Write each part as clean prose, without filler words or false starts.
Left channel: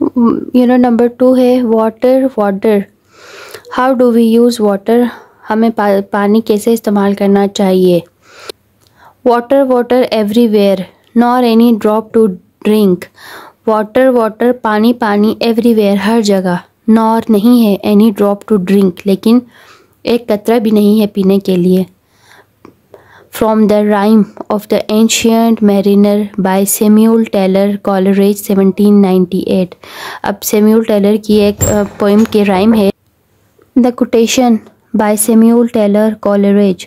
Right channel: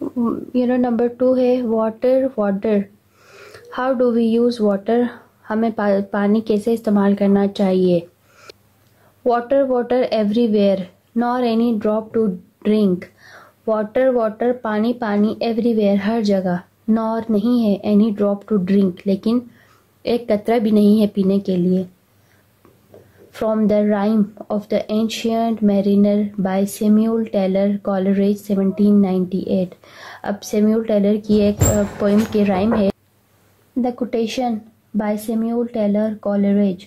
Number 2 है water. Water, how do we use water, हमें पानी कैसे इस्तेमाल करना चाहिए। Water water everywhere, nor any drop to drink. Water water, पानी पानी, एवरीवेयर, हर जगह, नॉर नहीं है, एनी ड्रॉप टू ड्रिंक, लेकिन एक कतरा भी नहीं है पीने के लिए। From the rime of the ancient mariner by Samuel Taylor Coleridge 1798। अब सैमुअल टेलर की एक पोइम के राइम है। The quotation by Samuel Taylor Coleridge,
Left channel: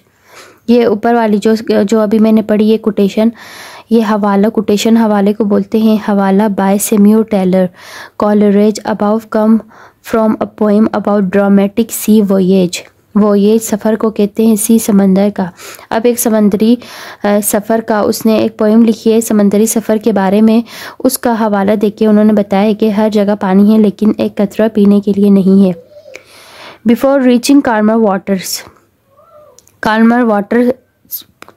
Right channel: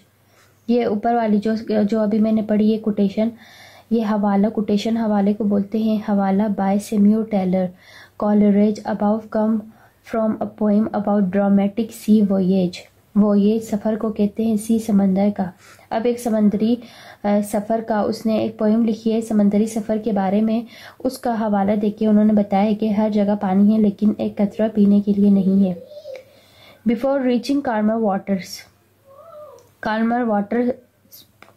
ये ऊपर वाली जो अभी मैंने पढ़ी ये कोटेशन, ये हवाला, कोटेशन हवाले को बोलते हैं। हवाला by Samuel Taylor Coleridge about come from a poem about dramatic sea voyage. Voyage सफ़र को कहते हैं, सी समंदर का। अब एक समंदरी सफ़र का उसने एक पोएम लिखी है समंदरी सफ़र के बारे में। उसका हवाला देके उन्होंने बताया कि हर जगह पानी है लेकिन एक कतरा पीने के लिए नहीं है। Before reaching calmer waters, calmer water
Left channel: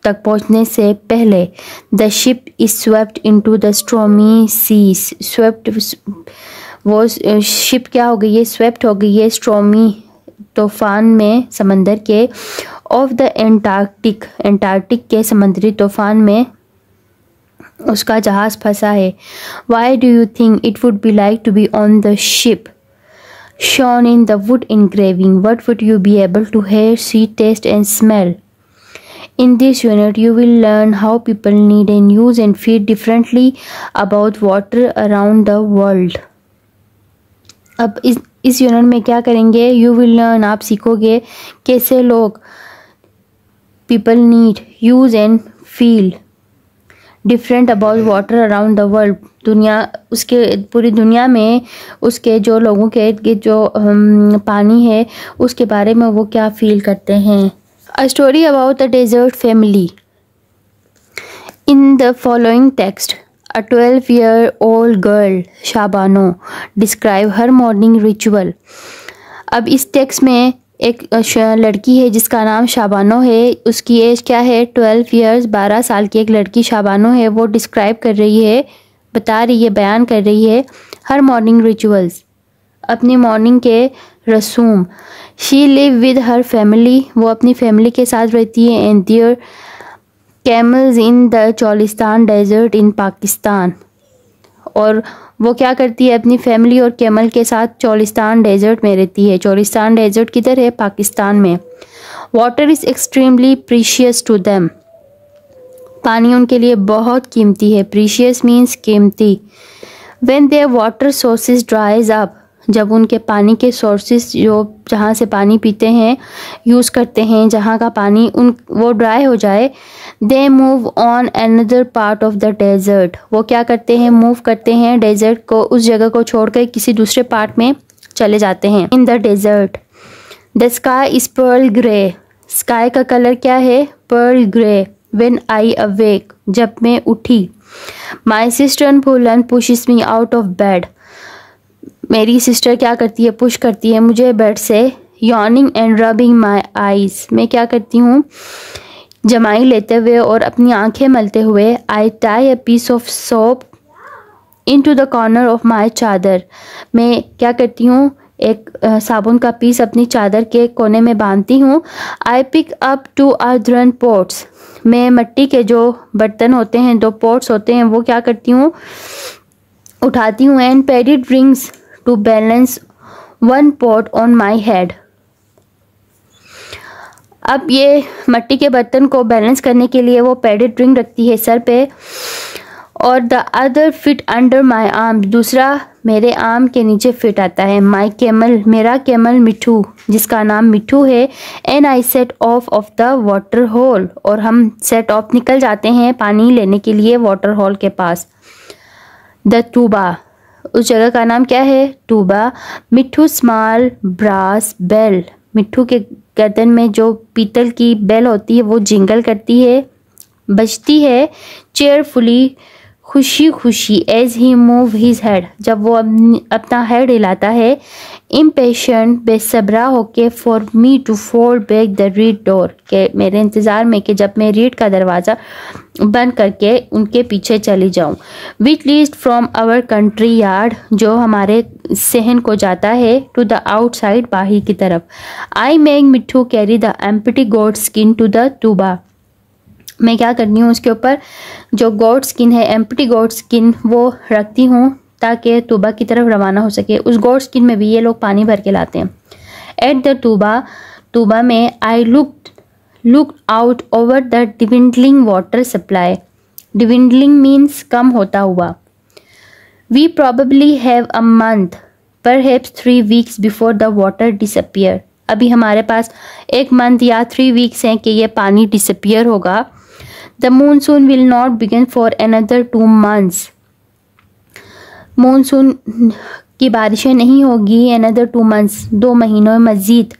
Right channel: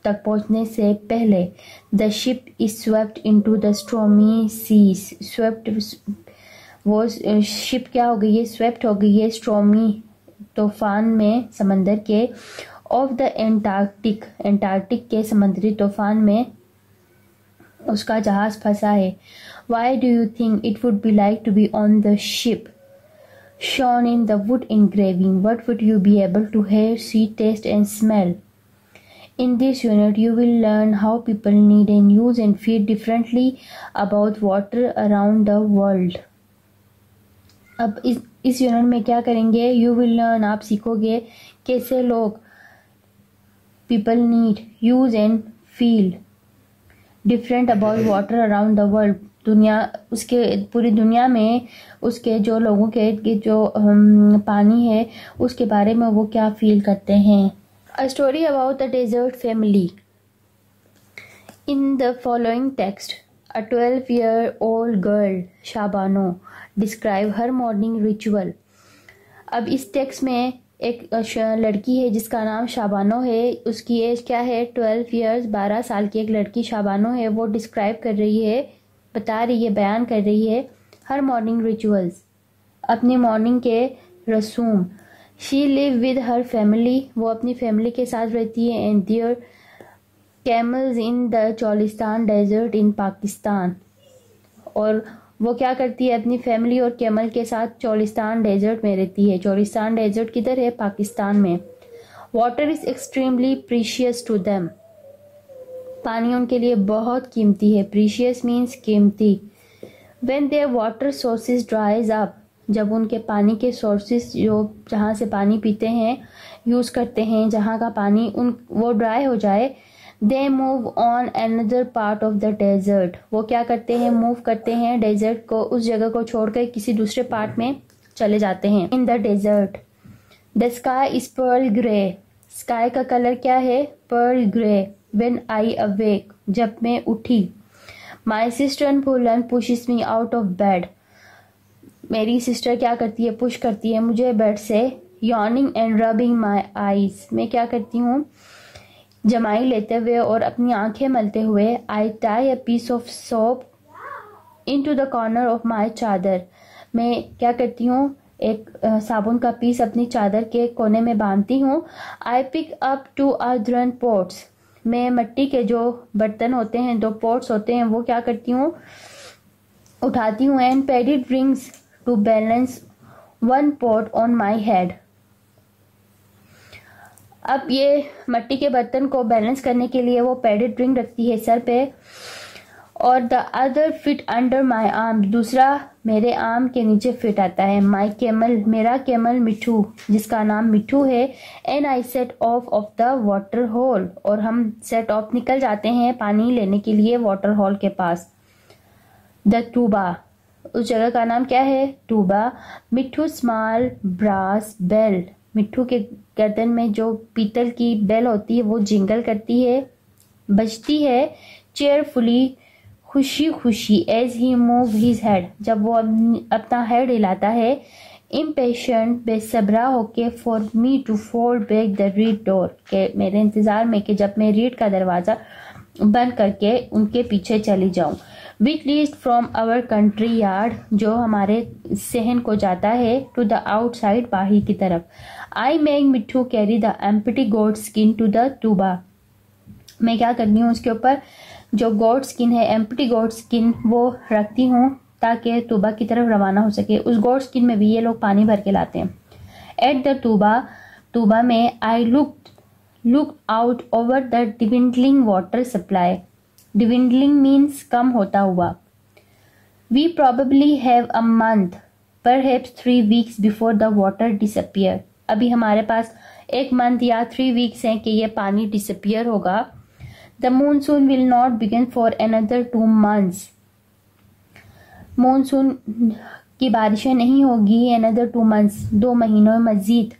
तक पहुंचने से पहले the ship is swept into the stormy seas. Swept, वो शिप क्या हो गई है, स्वेप्ट हो गई है स्ट्रॉमी तूफान में, समंदर के, ऑफ द एंटार्क्टिक, एंटार्क्टिक के समुद्री तूफान में उसका जहाज़ फंसा है। Why do you think it would be like to be on the ship shown in the wood engraving? What would you be able to hear, see, taste and smell? In this unit you will learn how people need and use and feel differently about water around the world. अब इस unit में क्या करेंगे, you will learn, आप सीखोगे कैसे लोग people need, use and feel different about water around the world, दुनिया, उसके पूरी दुनिया में उसके जो लोगों के जो पानी है उसके बारे में वो क्या फील करते हैं। A story about the desert family. In the following text a 12-year-old girl Shabano describe her morning ritual. अब इस टेक्स्ट में एक लड़की है जिसका नाम शाबानो है, उसकी एज क्या है 12 ईयर्स, 12 साल की एक लड़की शाबानो है। वो डिस्क्राइब कर रही है, बता रही है, बयान कर रही है हर मॉर्निंग रिचुअल्स, अपनी मॉर्निंग के रसूम। She live with her family, वो अपनी फैमिली के साथ रहती है। And their camels in the Cholistan desert in Pakistan, और वो क्या करती है अपनी फैमिली और कैमल के साथ चोलिस्तान डेजर्ट में रहती है। चोलिस्तान डेजर्ट किधर है, पाकिस्तान में। Water is extremely precious to them, पानी उनके लिए बहुत कीमती है। प्रीशियस मीन्स कीमती। When their water sources dries up, जब उनके पानी के सोर्सेज जो जहाँ से पानी पीते हैं, यूज़ करते हैं, जहाँ का पानी वो ड्राई हो जाए, they move on another part of the desert, वो क्या करते हैं, मूव करते हैं डेजर्ट को, उस जगह को छोड़कर किसी दूसरे पार्ट में चले जाते हैं। In the desert the sky is pearl grey, sky का कलर क्या है, pearl grey. When I awake, जब मैं उठी। My sister Phulan pushes me out of bed, मेरी सिस्टर क्या करती है, पुश करती है मुझे बेड से। Yawning and rubbing my eyes, मैं क्या करती हूँ, जमाई लेते हुए और अपनी आंखें मलते हुए। I tie a piece of soap into the corner of my chadar, मैं क्या करती हूँ, एक साबुन का पीस अपनी चादर के कोने में बांधती हूँ। I pick up 2 earthen pots, मैं मिट्टी के जो बर्तन होते हैं, 2 pots होते हैं, वो क्या करती हूँ, उठाती हूँ। And padded rings to balance 1 pot on my head, अब ये मिट्टी के बर्तन को बैलेंस करने के लिए वो पैडेड रिंग रखती है सर पे। और the other fit under my arm, दूसरा मेरे आर्म के नीचे फिट आता है। माई कैमल, मेरा कैमल मिठू, जिसका नाम मिठू है। And I set off the water hole, और हम सेट ऑफ निकल जाते हैं पानी लेने के लिए वाटर होल के पास। द टूबा, उस जगह का नाम क्या है, टूबा। मिठू स्मॉल ब्रास बेल, मिट्ठू के गर्दन में जो पीतल की बेल होती है वो जिंगल करती है, बजती है। चेयरफुली खुशी खुशी as he move his head, जब वो अपना हेड हिलाता है। इम्पेशेंट, बेसब्रा होके, for me to fold back the reed door, के मेरे इंतज़ार में कि जब मैं रीड का दरवाज़ा बंद करके उनके पीछे चली जाऊं। Which leads from our country yard, जो हमारे सहन को जाता है, टू द आउटसाइड, बाहर की तरफ। I make Mitthu carry the empty goat skin to the toba, मैं क्या करती हूँ उसके ऊपर जो गोट स्किन है, एम्प्टी गोट स्किन, वो रखती हूँ ताकि तूबा की तरफ रवाना हो सके। उस गोट स्किन में भी ये लोग पानी भर के लाते हैं। एट द तूबा में I look out over the dwindling water supply. Dwindling means कम होता हुआ। We probably have a month, perhaps 3 weeks before the water disappear, अभी हमारे पास 1 month या 3 weeks हैं कि ये पानी डिसअपियर होगा। The monsoon will not begin for another 2 months, monsoon की बारिशें नहीं होगी अनदर 2 months, 2 महीनों में मज़ीद।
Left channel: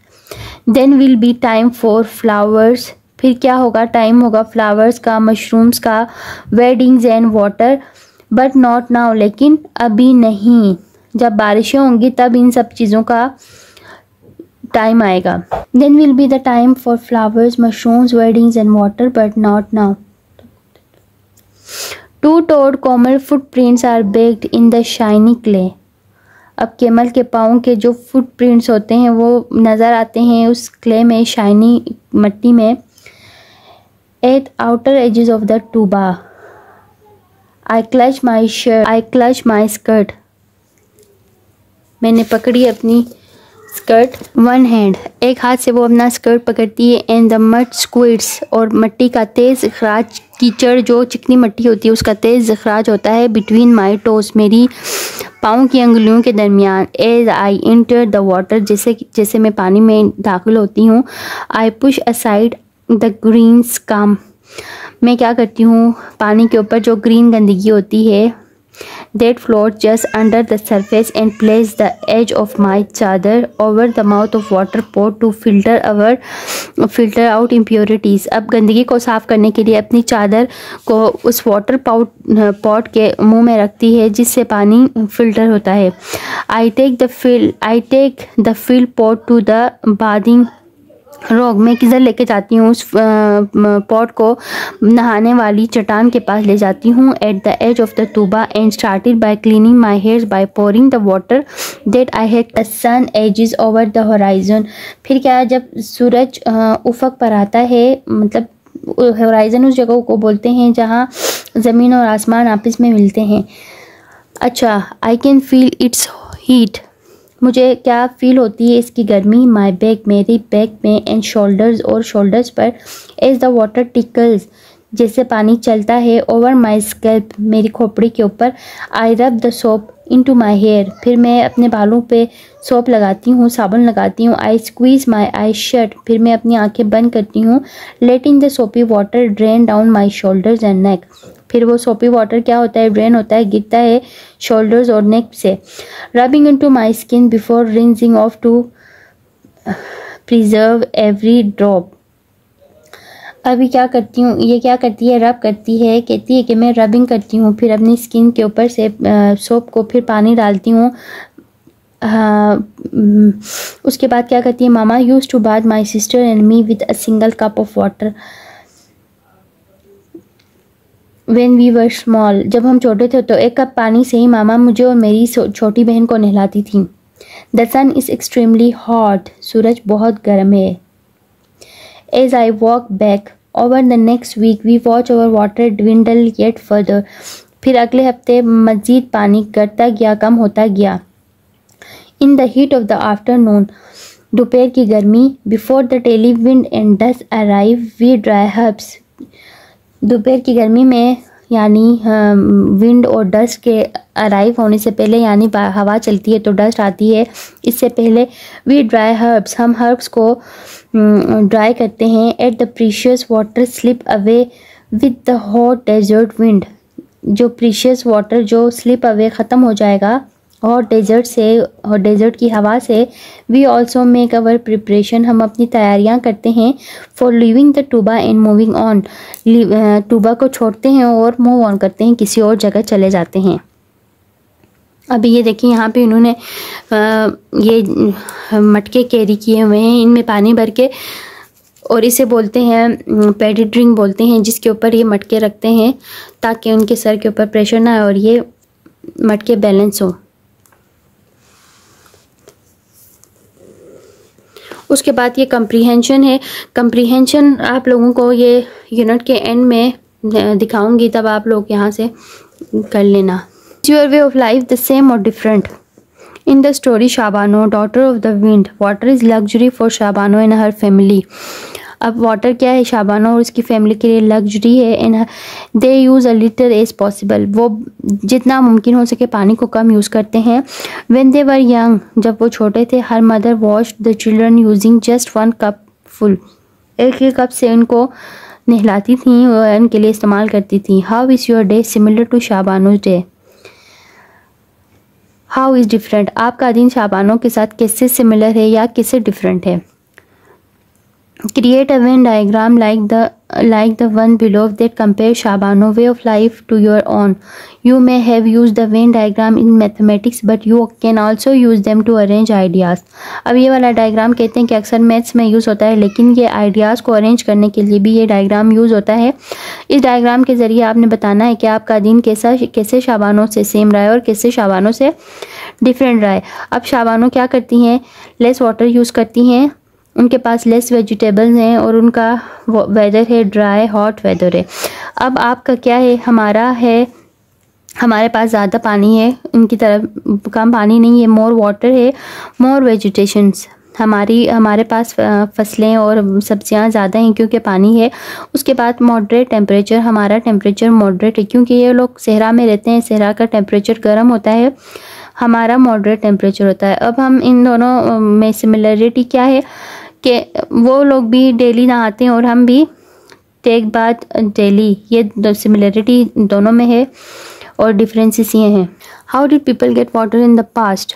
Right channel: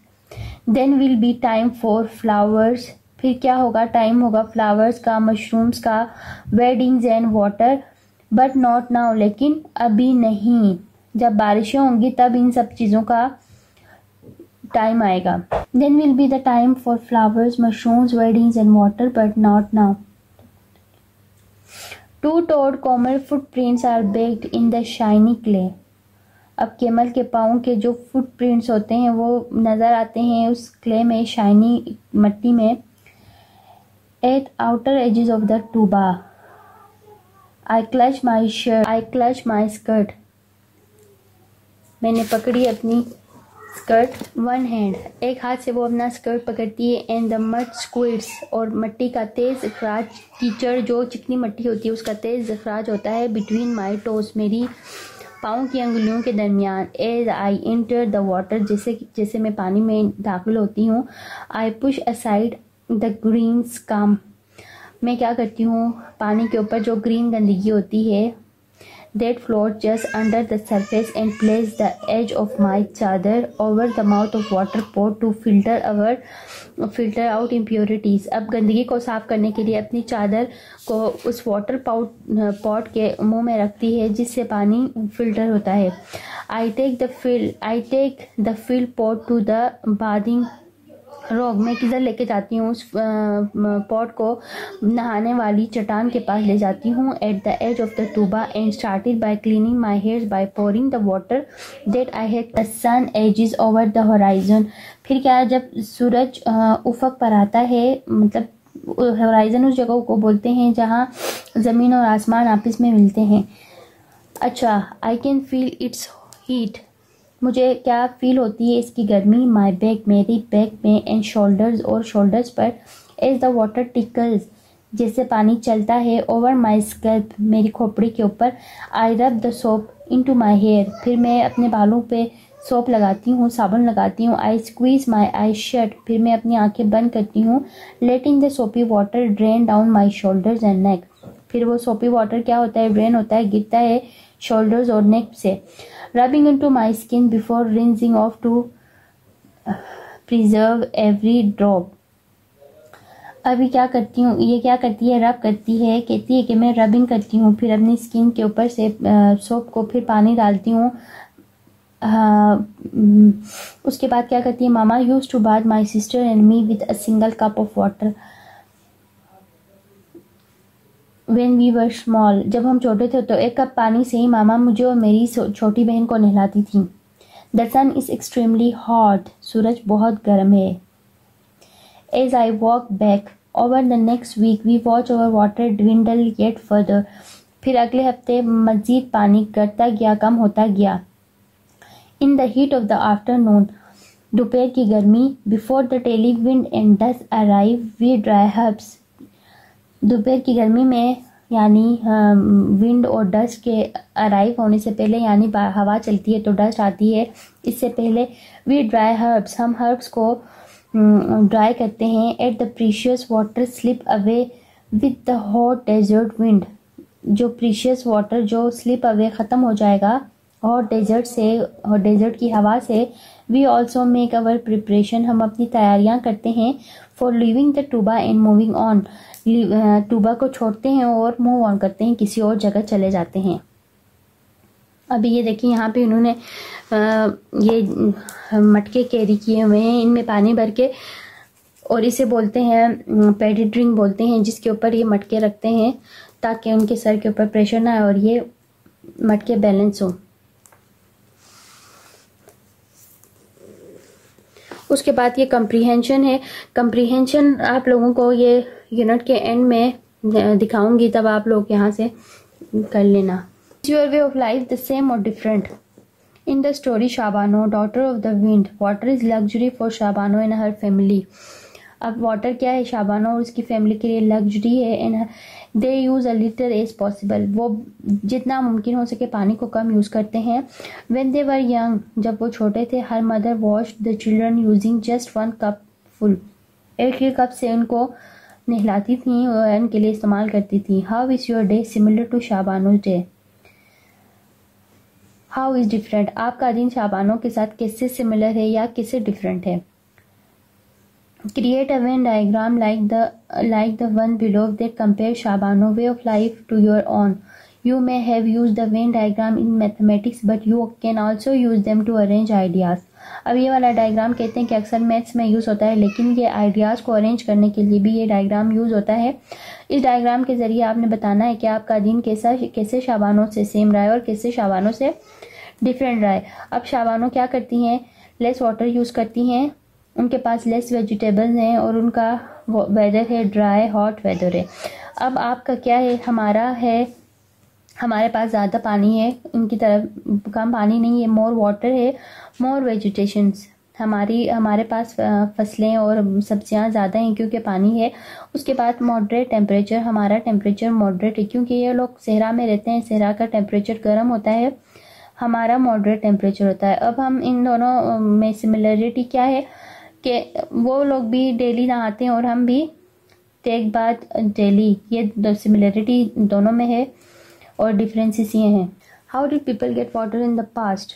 Then will be time for flowers, फिर क्या होगा, टाइम होगा फ्लावर्स का, मशरूम्स का, weddings and water, but not now, लेकिन अभी नहीं। जब बारिशें होंगी तब इन सब चीज़ों का टाइम आएगा। Then will be the time for flowers, mushrooms, weddings and water, but not now. 2-toed camel footprints are baked in the shiny clay, अब केमल के पाँव के जो फुटप्रिंट्स होते हैं वो नज़र आते हैं उस क्ले में, शाइनी मिट्टी में। At outer edges of the toba I clutch my skirt, मैंने पकड़ी अपनी स्कर्ट। 1 hand, एक हाथ से वो अपना स्कर्ट पकड़ती है। एंड द मड स्क्विड्स, और मिट्टी का तेज़ अखराज, कीचड़ जो चिकनी मिट्टी होती है उसका तेज़ अखराज होता है। बिटवीन माई टोस, मेरी पाँव की अंगुलियों के दरमियान। As I enter the water, जैसे मैं पानी में दाखिल होती हूँ। I push aside the green scum, मैं क्या करती हूँ, पानी के ऊपर जो ग्रीन गंदगी होती है, that float just under the surface, and place the edge of my chadar over the mouth of water pot to filter out impurities। अब गंदगी को साफ करने के लिए अपनी चादर को उस वाटर पॉट के मुंह में रखती है जिससे पानी फिल्टर होता है। I take the fill pot to the bathing रोग, मैं किधर लेके जाती हूँ, उस पॉट को नहाने वाली चट्टान के पास ले जाती हूँ। At the edge of the toba and started by cleaning my hairs by pouring the water that I had the sun edges over the horizon, फिर क्या, जब सूरज उफक पर आता है, मतलब होराइजन उस जगह को बोलते हैं जहाँ ज़मीन और आसमान आपस में मिलते हैं। अच्छा, I can feel it's heat, मुझे क्या फील होती है इसकी गर्मी। माई बैक, मेरी बैक में, एंड शोल्डर्स, और शोल्डर्स पर। एज द वाटर टिकल्स, जैसे पानी चलता है। ओवर माई स्कैल्प, मेरी खोपड़ी के ऊपर। I rub the soap into my hair, फिर मैं अपने बालों पे सोप लगाती हूँ, साबुन लगाती हूँ। आई स्क्वीज माई आई शट, फिर मैं अपनी आंखें बंद करती हूँ। लेटिंग द सोपी water drain down my shoulders and neck, फिर वो सोपी वाटर क्या होता है, ड्रेन होता है, गिरता है शोल्डर्स और नेक से। Rubbing into my skin before rinsing off to preserve every drop, अभी क्या करती हूँ, ये क्या करती है, रब करती है, कहती है कि मैं रबिंग करती हूँ, फिर अपनी स्किन के ऊपर से सोप को फिर पानी डालती हूँ। उसके बाद क्या करती है, mama use to bath my sister and me with a single cup of water when we were small, जब हम छोटे थे तो 1 कप पानी से ही मामा मुझे और मेरी छोटी बहन को नहलाती थी। The sun is extremely hot, सूरज बहुत गर्म है। As I walk back over the next week we watch over water dwindle yet further, फिर अगले हफ्ते मज़ीद पानी घटता गया, कम होता गया। In the heat of the afternoon, दोपहर की गर्मी। Before the daily wind and dust arrive we dry herbs, दोपहर की गर्मी में यानी विंड और डस्ट के अराइव होने से पहले, यानी हवा चलती है तो डस्ट आती है, इससे पहले वी ड्राई हर्ब्स, हम हर्ब्स को ड्राई करते हैं। At the precious water slip away with the hot desert wind, जो प्रीशियस वाटर जो स्लिप अवे ख़त्म हो जाएगा हॉट डेजर्ट से और डेजर्ट की हवा से। We also make our preparation, हम अपनी तैयारियां करते हैं। For living the toba and moving on, toba को छोड़ते हैं और मूव ऑन करते हैं, किसी और जगह चले जाते हैं। अभी ये देखिए यहाँ पे इन्होंने ये मटके कैरी किए हुए हैं, इनमें पानी भर के, और इसे बोलते हैं पैडी ड्रिंक बोलते हैं, जिसके ऊपर ये मटके रखते हैं ताकि उनके सर के ऊपर प्रेशर ना आए और ये मटके बैलेंस हो। उसके बाद ये कंप्रीहेंशन है। कंप्रीहेंशन आप लोगों को ये यूनिट के एंड में दिखाऊंगी, तब आप लोग यहाँ से कर लेना। Your way of life the same और different? In the story Shabano daughter of the wind, water is luxury for Shabano and her family. अब वाटर क्या है शाबानो और उसकी फैमिली के लिए लग्जरी है। And they use a little as possible, वो जितना मुमकिन हो सके पानी को कम यूज़ करते हैं। व्हेन दे वर यंग, जब वो छोटे थे, her mother wash the children using just 1 cup full, एक ही कप से उनको नहलाती थी और उनके लिए इस्तेमाल करती थी। How is your day similar to Shabano's day? How is different, आपका दिन शाबानों के साथ कैसे सिमिलर है या कैसे डिफरेंट है? Create a Venn diagram like the one below that compares Shabano way of life to your own. You may have used the Venn diagram in mathematics, but you can also use them to arrange ideas. अब ये वाला diagram कहते हैं कि अक्सर maths में use होता है, लेकिन ये आइडियाज़ को अरेंज करने के लिए भी ये डायग्राम यूज़ होता है। इस डायग्राम के ज़रिए आपने बताना है कि आपका दिन कैसे शाबानों से सेम रहा है और कैसे शाबानों से डिफरेंट रहा है। अब शाबानों क्या करती हैं? लेस वाटर यूज़ करती हैं, उनके पास लेस वेजिटेबल्स हैं और उनका वेदर है ड्राई हॉट वेदर है। अब आपका क्या है? हमारे पास ज़्यादा पानी है, उनकी तरफ कम पानी नहीं है, मोर वाटर है, मोर वेजिटेशंस। हमारे पास फसलें और सब्जियां ज़्यादा हैं क्योंकि पानी है। उसके बाद मॉडरेट टेम्परेचर, हमारा टेम्परेचर मॉडरेट है क्योंकि ये लोग सहरा में रहते हैं, सहरा का टेम्परेचर गर्म होता है, हमारा मॉडरेट टेम्परेचर होता है। अब हम इन दोनों में सिमिलरिटी क्या है कि वो लोग भी डेली नहाते हैं और हम भी टेक बाथ डेली, ये सिमिलरिटी दोनों में है और डिफरेंसेस ये हैं। How did people get water in the past?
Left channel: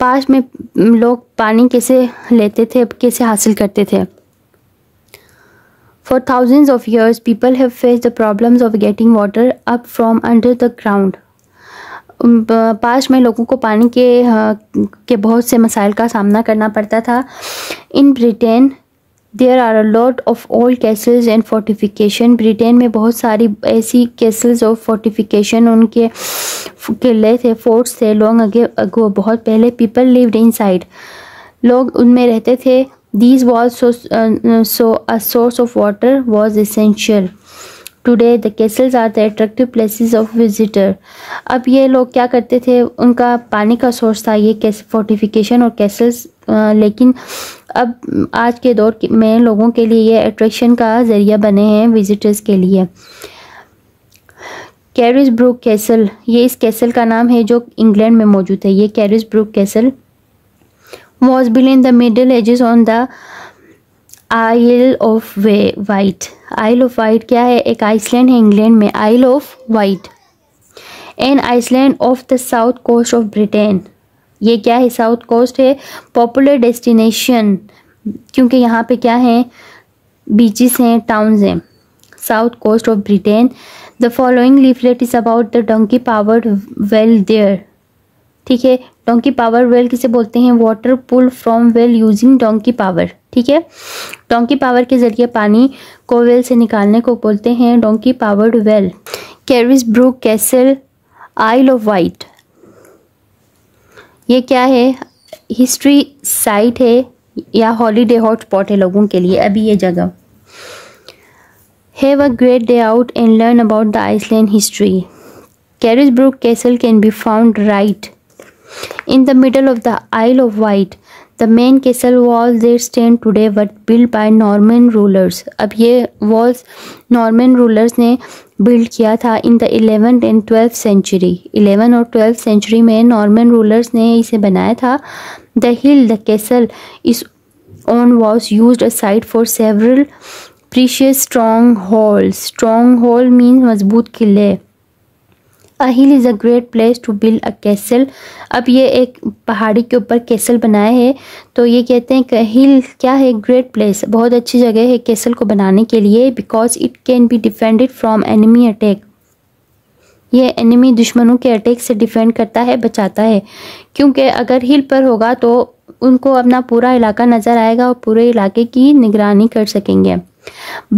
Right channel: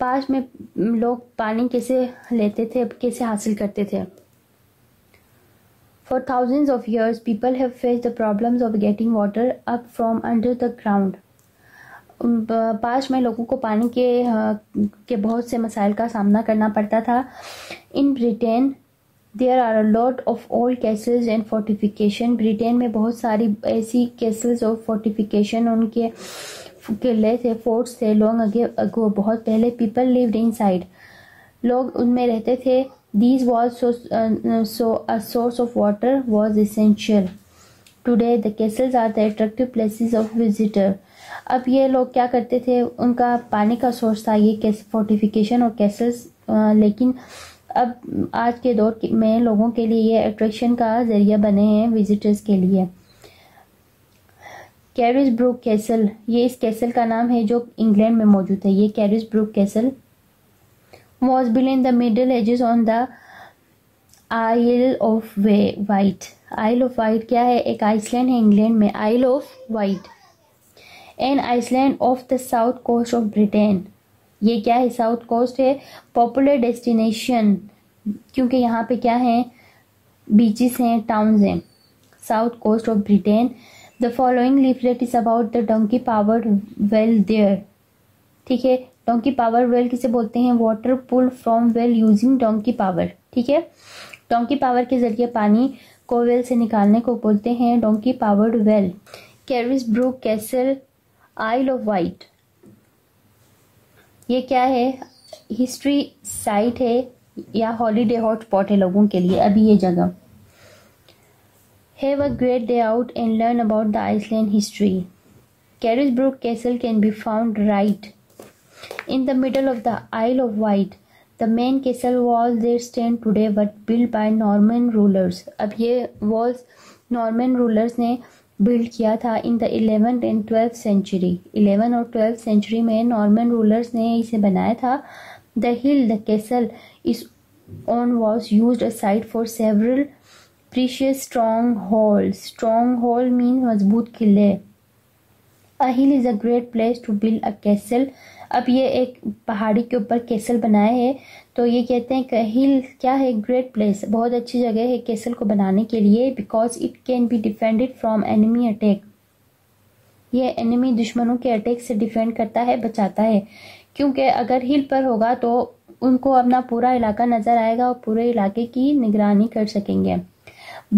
Past में लोग पानी कैसे लेते थे, कैसे हासिल करते थे? For thousands of years people have faced the problems of getting water up from under the ground. Past में लोगों को पानी के बहुत से मसाइल का सामना करना पड़ता था। In Britain there are a lot of old castles and fortification. Britain में बहुत सारी ऐसी कैसल्स और फोर्टिफिकेशन, उनके किले थे, फोर्ट्स थे लॉन्ग अगो, बहुत पहले। पीपल लिव्ड इनसाइड, लोग उनमें रहते थे। These walls so a source of water was essential. Today the castles are the attractive places of visitor. अब ये लोग क्या करते थे, उनका पानी का सोर्स था ये फोर्टिफिकेशन और कैसल्स, लेकिन अब आज के दौर में लोगों के लिए ये अट्रैक्शन का ज़रिया बने हैं विजिटर्स के लिए। कैरिसब्रुक कैसल, ये इस कैसल का नाम है जो इंग्लैंड में मौजूद है। ये Carisbrooke castle was built in the middle ages on the isle of Wight. Isle of Wight क्या है? एक आइसलैंड है इंग्लैंड में, isle of Wight, an island off the south coast of Britain. ये क्या है? साउथ कोस्ट है, popular destination क्योंकि यहाँ पे क्या है? बीचेस हैं, टाउन्स हैं। South coast of Britain. The following leaflet is about the donkey powered well there. ठीक है, डोंकी पावर वेल किसे बोलते हैं? Water pull from well using donkey power. ठीक है, डोंकी पावर के जरिए पानी को वेल से निकालने को बोलते हैं donkey powered well. Carisbrooke castle, isle of Wight, ये क्या है? हिस्ट्री साइट है या हॉलीडे हॉटस्पॉट है लोगों के लिए अभी ये जगह। Have a great day out and learn about the island history. Carisbrooke castle can be found right in the middle of the Isle of Wight. The main castle walls there stand today were built by Norman rulers. अब ये walls Norman rulers ने build किया था in the 11th and 12th century. 11 और 12th century में Norman rulers ने इसे बनाया था। The hill the castle is on was used as site for several precious strongholds. Stronghold means मजबूत किले। A hill is a great place to build a castle. अब ये एक पहाड़ी के ऊपर कैसल बनाया है, तो ये कहते हैं कि हिल क्या है, ग्रेट प्लेस, बहुत अच्छी जगह है कैसल को बनाने के लिए, because it can be defended from enemy attack. ये एनिमी दुश्मनों के अटैक से डिफेंड करता है, बचाता है, क्योंकि अगर हिल पर होगा तो उनको अपना पूरा इलाका नज़र आएगा और पूरे इलाके की निगरानी कर सकेंगे।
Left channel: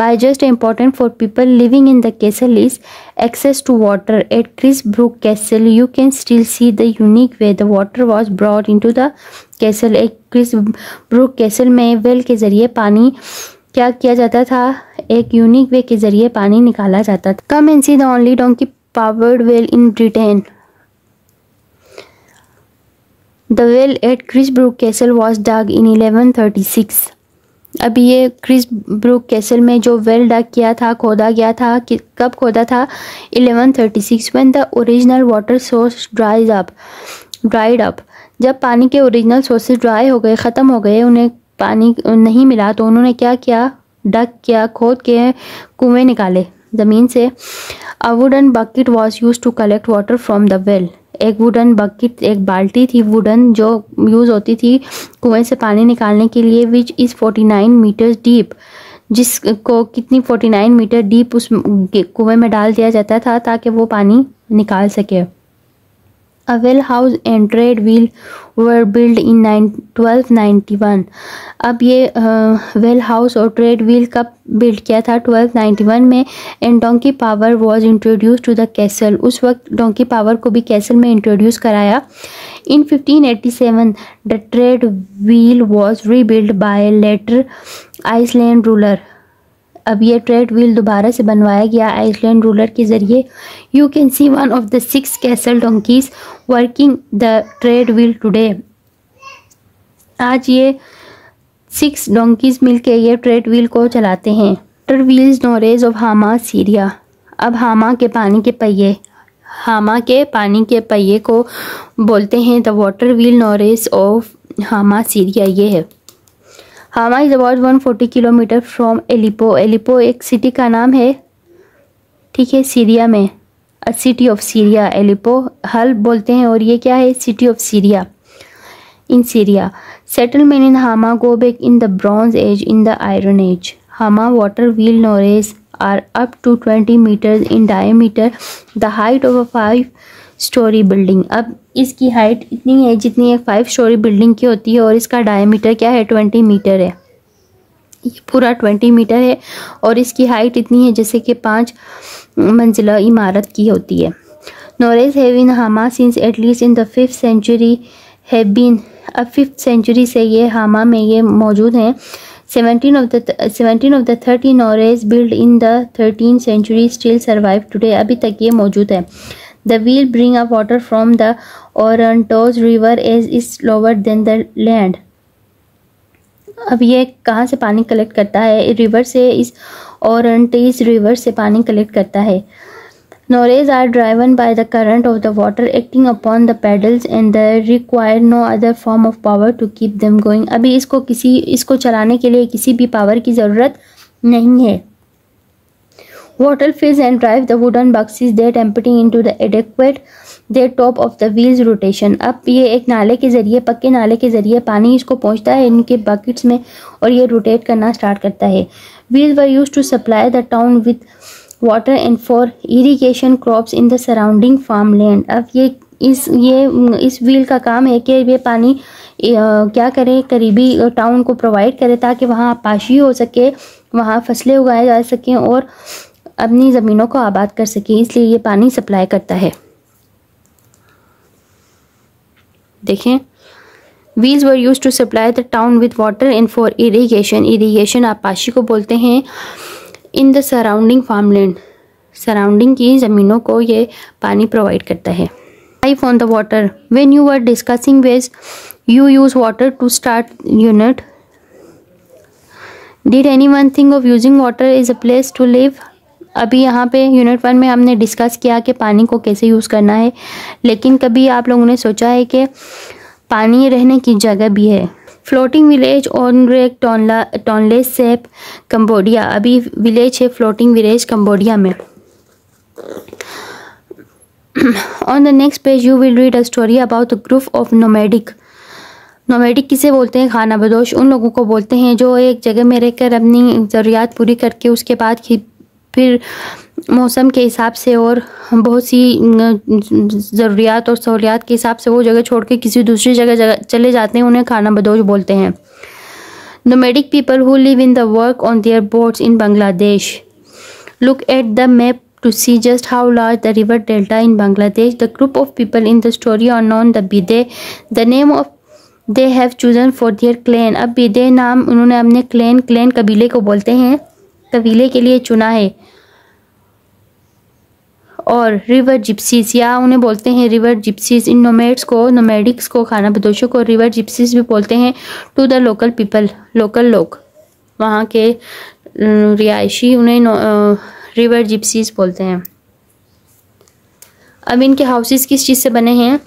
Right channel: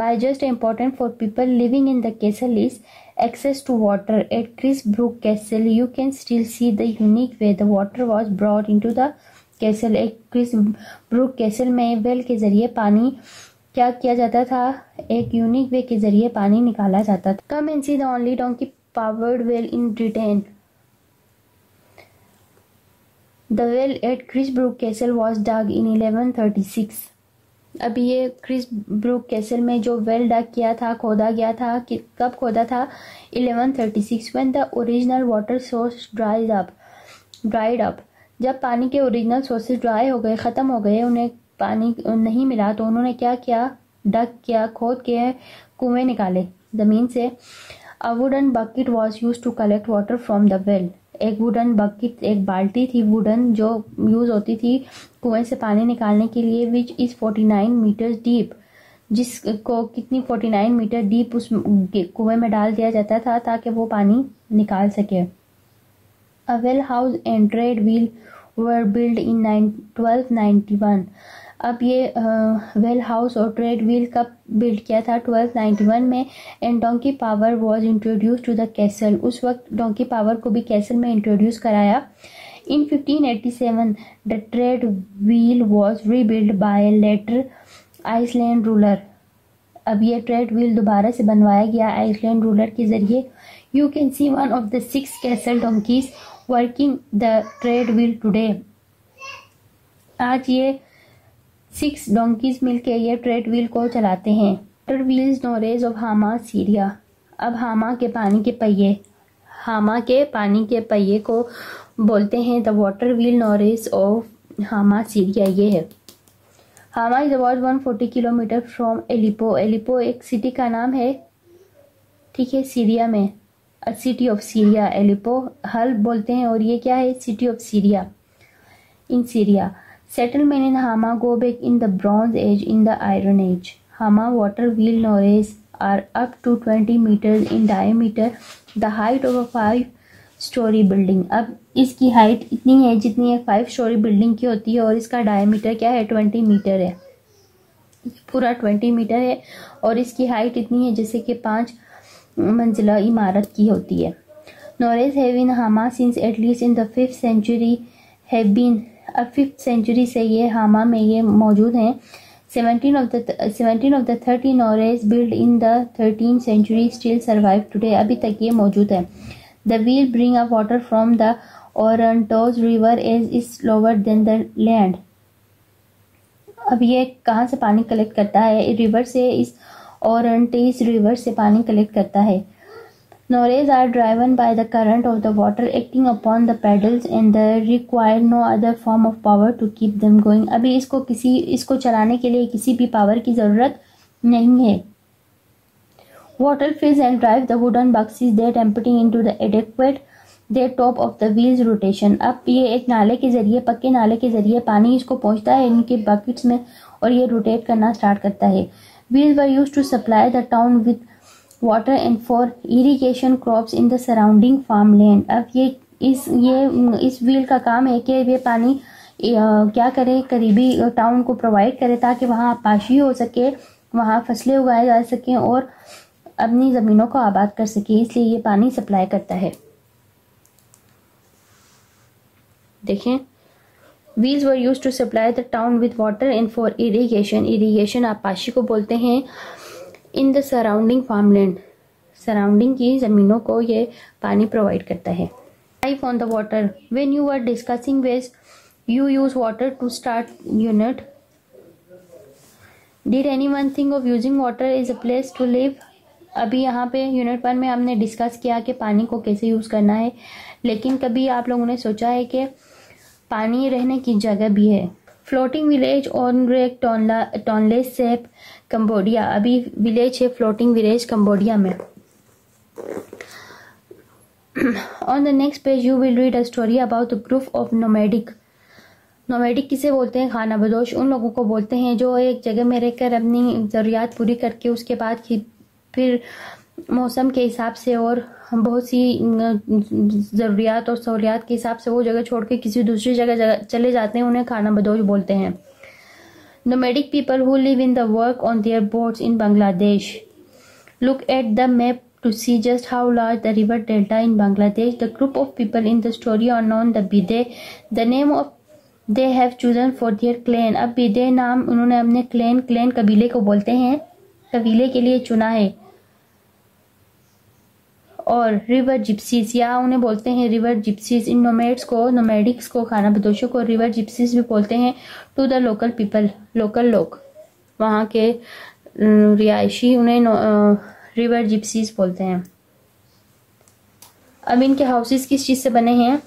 By just important for people living in the castle is access to water. At Chris Brook Castle, you can still see the unique way the water was brought into the castle. एक Chris Brooke castle में well के ज़रिए पानी क्या किया जाता था, एक यूनिक वे के ज़रिए पानी निकाला जाता था। Come and see the only donkey powered well in Britain. The well at Chris Brook Castle was dug in 1136. अभी ये क्रिस ब्रूक कैसल में जो वेल डग किया था, खोदा गया था, कि कब खोदा था, 1136, when the original water source dried up. जब पानी के ओरिजिनल सोर्सेज ड्राई हो गए, ख़त्म हो गए, उन्हें पानी नहीं मिला, तो उन्होंने क्या किया, डग किया, खोद के कुएं निकाले ज़मीन से। A wooden bucket was use to collect water from the well. एक वुडन बकेट, एक बाल्टी थी वुडन जो यूज़ होती थी कुएं से पानी निकालने के लिए, विच इज़ 49 मीटर्स डीप, जिसको कितनी 49 मीटर डीप उस कुएं में डाल दिया जाता था ताकि वो पानी निकाल सके। A well house and trade wheel were built in 1291. अब ये वेल हाउस और ट्रेड व्हील कब बिल्ड किया था, 1291 में। And donkey power was introduce to the castle, उस वक्त डोंकी पावर को भी कैसल में इंट्रोड्यूस कराया। In 1587 the tread wheel was rebuild by later Iceland ruler. अब ये ट्रेड व्हील दोबारा से बनवाया गया आइसलैंड रूलर के ज़रिए। You can see one of the 6 castle donkey's working the tread wheel today. आज ये 6 डोंकीज मिलके ये ट्रेड व्हील को चलाते हैं। Water wheels norias of Hama Syria. अब हामा के पानी के पहिए को बोलते हैं the water wheel norias of Hama Syria. ये है Hama is about 140 kilometres from Aleppo. Aleppo एक सिटी का नाम है, ठीक है, सीरिया में, a city of Syria. Aleppo हल बोलते हैं और ये क्या है, city of Syria in Syria. Settlement in Hama go back in the bronze age in the iron age. Hama water wheel norias are up to 20 metres in diameter, the height of a 5 storey building. अब इसकी height इतनी है जितनी एक 5 storey building की होती है, और इसका डायमीटर क्या है, 20 मीटर है। ये पूरा 20 मीटर है और इसकी हाइट इतनी है जैसे कि 5 मंजिला इमारत की होती है। नोरेज have in Hama since at least in the 5th century have been. अब 5th सेंचुरी से ये हामा में ये मौजूद हैं। 17 of the 30 norias build in the 13th century still survive today. अभी तक ये मौजूद है। The wheel bring up water from the Orontos River as is lower than the land. अब ये कहाँ से पानी कलेक्ट करता है, रिवर से, इस ओरंटीज रिवर से पानी कलेक्ट करता है। Nores are driven by the current of the water acting upon the pedals and they require no other form of power to keep them going. अभी इसको चलाने के लिए किसी भी पावर की ज़रूरत नहीं है। Water fills and drive the wooden boxes that empty into the adequate the top of the wheels rotation. अब ये एक नाले के ज़रिए, पक्के नाले के ज़रिए पानी इसको पहुंचता है इनके बकेट्स में और ये रोटेट करना स्टार्ट करता है। Wheels were used to supply the town with water and for irrigation crops in the surrounding farmland. अब ये इस व्हील का काम है कि ये पानी क्या करे, करीबी टाउन को प्रोवाइड करे ताकि वहाँ पाशी हो सके, वहाँ फसलें उगाए जा सकें और अपनी ज़मीनों को आबाद कर सके, इसलिए ये पानी सप्लाई करता है। देखें, wheels were use to supply the town with water and for irrigation. Irrigation आपाशी को बोलते हैं। In the surrounding farmland, surrounding की ज़मीनों को ये पानी प्रोवाइड करता है। Life on the water. When you were discussing ways you use water to start unit, did anyone think of using water is a place to live. अभी यहाँ पे यूनिट 1 में हमने डिस्कस किया कि पानी को कैसे यूज़ करना है, लेकिन कभी आप लोगों ने सोचा है कि पानी रहने की जगह भी है। Floating village on lake Tonle shape Cambodia. अभी विलेज है फ्लोटिंग विलेज कंबोडिया में। On the next page you will read a story about a group of nomadic किसे बोलते हैं? खाना बदोश उन लोगों को बोलते हैं जो एक जगह में रहकर अपनी ज़रूरियात पूरी करके उसके बाद फिर मौसम के हिसाब से और बहुत सी ज़रूरियात और सहूलियात के हिसाब से वो जगह छोड़ के किसी दूसरी जगह चले जाते हैं, उन्हें खाना बदोश बोलते हैं। Nomadic people who live in the work on their boats in Bangladesh. Look at the map to see just how large the river delta in Bangladesh. The group of people in the story are known the Bide, the name of they have chosen for their clan. अब बिदे नाम उन्होंने अपने clan कबीले को बोलते हैं, कबीले के लिए चुना है। और रिवर जिप्सीज या उन्हें बोलते हैं रिवर जिप्सीज। इन नोमैडिक्स को खाना बदोशों को रिवर जिप्सीज भी बोलते हैं। To the local people, local लोग वहाँ के रिहायशी उन्हें रिवर जिप्सीज बोलते हैं। अब इनके हाउसेस किस चीज़ से बने हैं?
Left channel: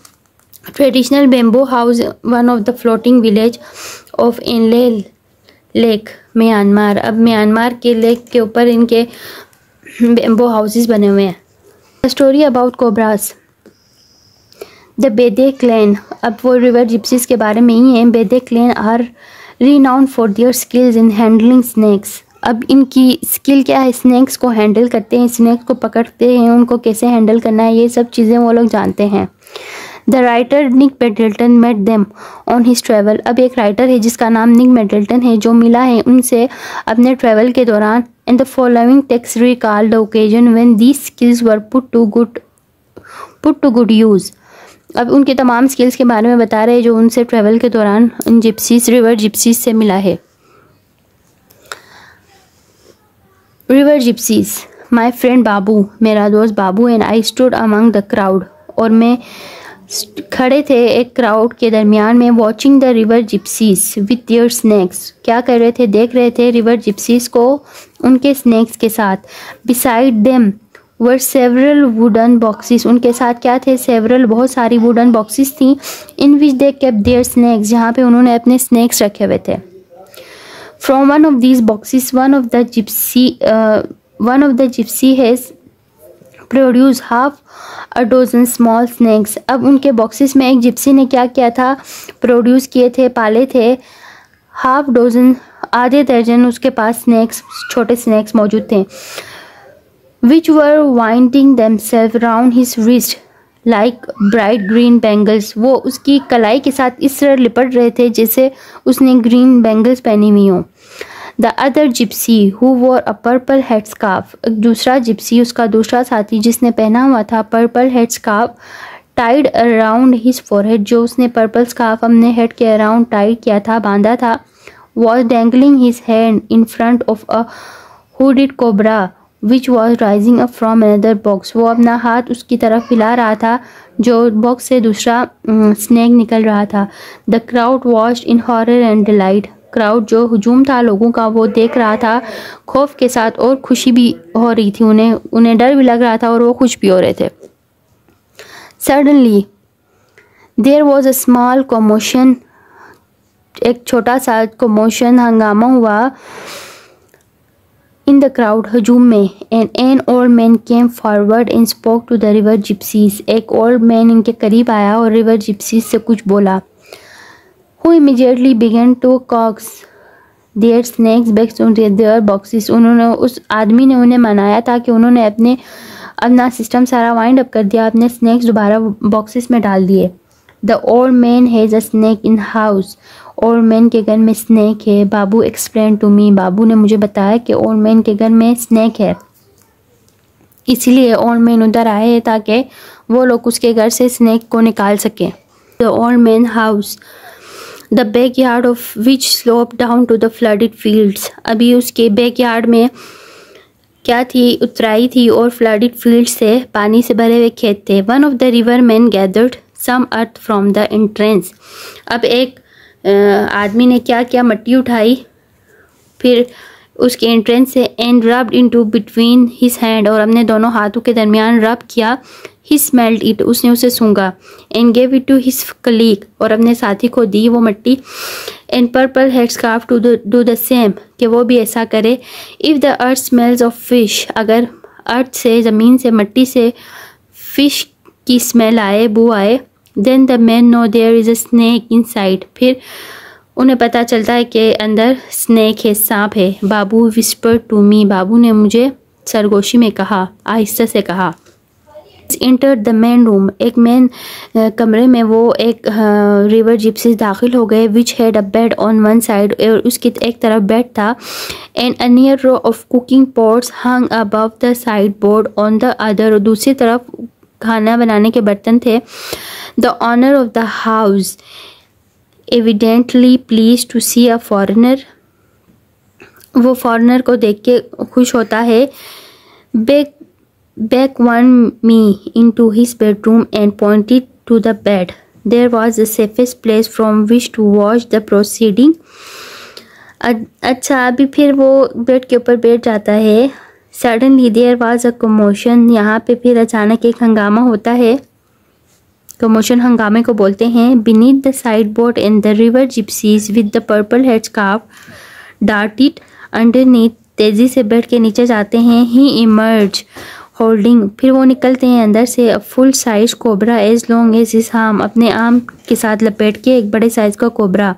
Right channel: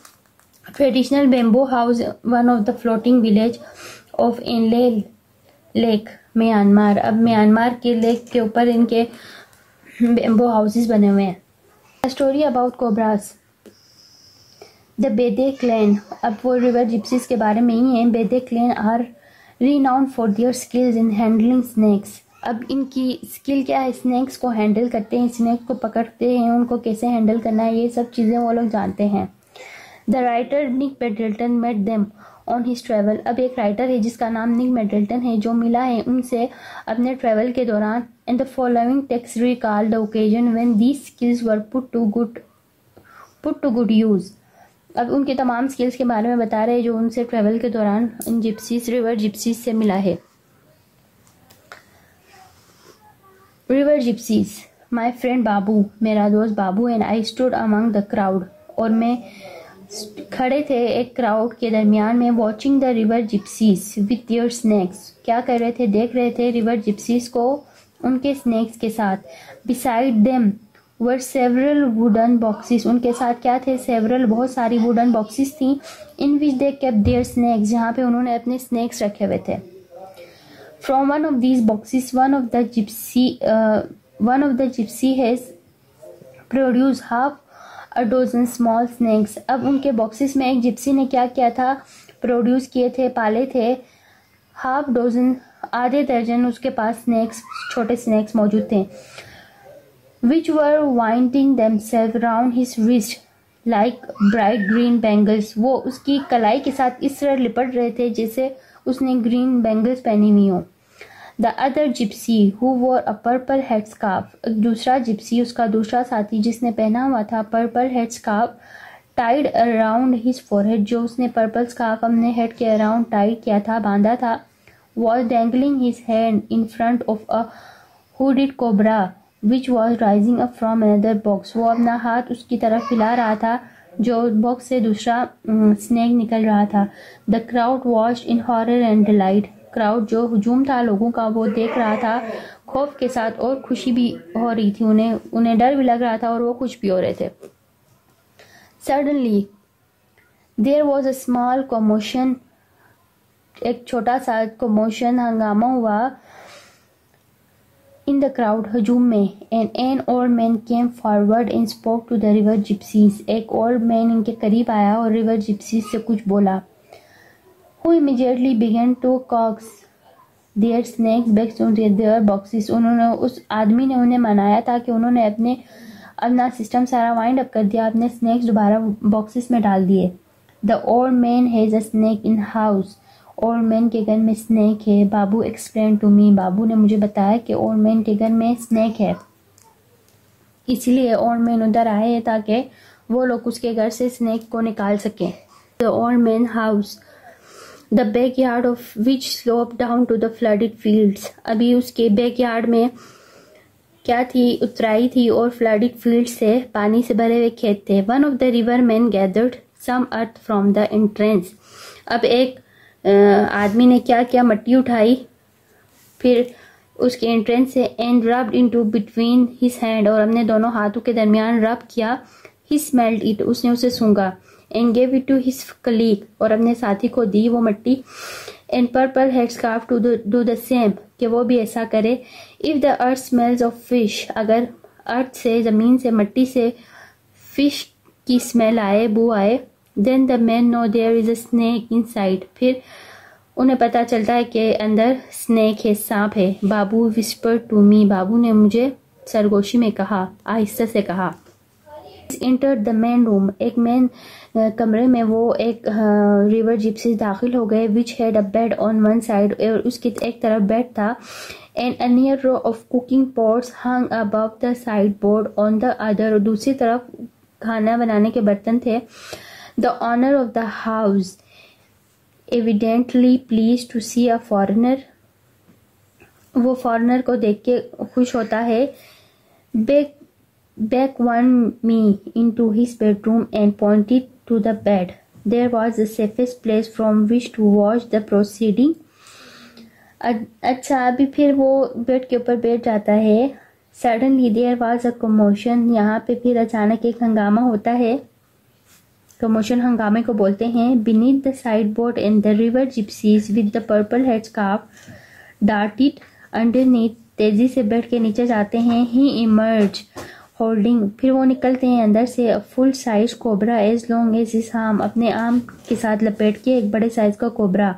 Traditional bamboo house, one of the floating village of Inle lake Myanmar. अब म्यांमार के लेक के ऊपर इनके बेम्बो हाउसेस बने हुए हैं। Story about cobras. The Bede clan, अब वो रिवर जिप्सीज के बारे में ही है। Bede clan are renowned for their skills in handling snakes. अब इनकी स्किल क्या है? स्नैक्स को हैंडल करते हैं, स्नैक्स को पकड़ते हैं, उनको कैसे हैंडल करना है, ये सब चीज़ें वो लोग जानते हैं। The writer Nick Middleton met them on his travel. अब एक राइटर है जिसका नाम निक मेडल्टन है जो मिला है उनसे अपने ट्रैवल के दौरान। And the following text recall the occasion when these skills were put to good use. अब उनके तमाम स्किल्स के बारे में बता रहे हैं जो उनसे ट्रैवल के दौरान उन रिवर जिप्सीज से मिला है। River gypsies. My friend Babu, मेरा दोस्त Babu, and I stood among the crowd, और मैं खड़े थे एक क्राउड के दरमियान में। Watching the river gypsies with their snakes, क्या कर रहे थे? देख रहे थे रिवर जिप्सीज को उनके स्नैक्स के साथ। Beside them were several wooden boxes, उनके साथ क्या थे? सेवरल, बहुत सारी वुडन बॉक्सेस थी। इन विच दे केप्ट देयर स्नैक्स, जहाँ पे उन्होंने अपने स्नैक्स रखे हुए थे। From one of these boxes one of the Gypsy has produce half a dozen small snacks. अब उनके बॉक्सेस में एक जिप्सी ने क्या किया था? प्रोड्यूस किए थे, पाले थे हाफ डोजन, आधे दर्जन उसके पास स्नैक्स, छोटे स्नैक्स मौजूद थे। Which were winding themselves round his wrist like bright green bangles, वो उसकी कलाई के साथ इस तरह लिपट रहे थे जैसे उसने ग्रीन बैंगल्स पहनी हुई हों। The other gypsy who wore a purple head scarf, दूसरा जिप्सी, उसका दूसरा साथी जिसने पहना हुआ था purple head scarf, tied around his forehead, जो उसने पर्पल स्कार्फ अपने हेड के अराउंड टाइड किया था, बांधा था। Was dangling his hand in front of a hooded cobra which was rising up from another box, वो अपना हाथ उसकी तरफ हिला रहा था जो बॉक्स से दूसरा स्नैक निकल रहा था। The crowd watched in horror and delight, crowd जो हुजूम था लोगों का वो देख रहा था खौफ के साथ, और खुशी भी हो रही थी, उन्हें डर भी लग रहा था और वो खुश भी हो रहे थे। Suddenly there was a small commotion, एक छोटा सा कमोशन, हंगामा हुआ। इन द क्राउड, हजूम में। An old man came forward and spoke to the river gypsies, एक ओल्ड मैन इनके करीब आया और रिवर जिप्सीज से कुछ बोला। Who immediately began to coax their snacks back to their boxes, उन्होंने, उस आदमी ने उन्हें मनाया था कि उन्होंने अपना सिस्टम सारा वाइंड अप कर दिया, अपने स्नैक्स दोबारा बॉक्सेस में डाल दिए। The old man has a snake in house, old man के घर में स्नैक है। बाबू एक्सप्लेन टू मी, बाबू ने मुझे बताया कि ओल्ड मैन के घर में स्नैक है, इसीलिए ओल्ड मैन उधर आए ताकि वो लोग उसके घर से स्नैक को निकाल सकें। The old man house, the back yard of which slope down to the flooded fields, अभी उसके बैक यार्ड में क्या थी? उतराई थी और फ्लडेड फील्ड से पानी से भरे हुए खेत थे। One of the river man gathered some earth from the entrance, अब एक आदमी ने क्या किया? मट्टी उठाई, फिर उसके एंट्रेंस से, and rubbed into between his hand, और अपने दोनों हाथों के दरमियान रब किया। ही स्मेल्ड इट, उसने उसे सूंघा। And gave it to his colleague, और अपने साथी को दी वो मट्टी। And purple head scarf to do the same, कि वो भी ऐसा करे। If the earth smells of fish, अगर अर्थ से, ज़मीन से, मट्टी से फिश की स्मेल आए, बू आए। Then the man know there is a snake inside, फिर उन्हें पता चलता है कि अंदर स्नेक है, सांप है। बाबू विस्पर टू मी, बाबू ने मुझे सरगोशी में कहा, आहिस्ता से कहा। इंटर द मेन रूम, एक मेन कमरे में वो एक रिवर जिप्सीज दाखिल हो गए। Which had a bed on one side, और उसकी एक तरफ बेड था। And a near row of cooking pots hung above the sideboard on the other, और दूसरी तरफ खाना बनाने के बर्तन थे। The owner of the house evidently pleased to see a foreigner, वो फॉरेनर को देख के खुश होता है। Beck won me into his bedroom and pointed to the bed. There was the safest place from which to watch the proceeding. अच्छा, अभी फिर वो बेड के ऊपर बैठ जाता है। Suddenly there was a commotion. यहाँ पे फिर अचानक एक हंगामा होता है। कमोशन हंगामे को बोलते हैं। Beneath the sideboard and the river gypsies with the purple head scarf darted underneath. तेजी से बेड के नीचे जाते हैं। He emerged होल्डिंग, फिर वो निकलते हैं अंदर से a full size cobra as long as his arm, अपने आर्म के साथ लपेट के एक बड़े साइज का cobra.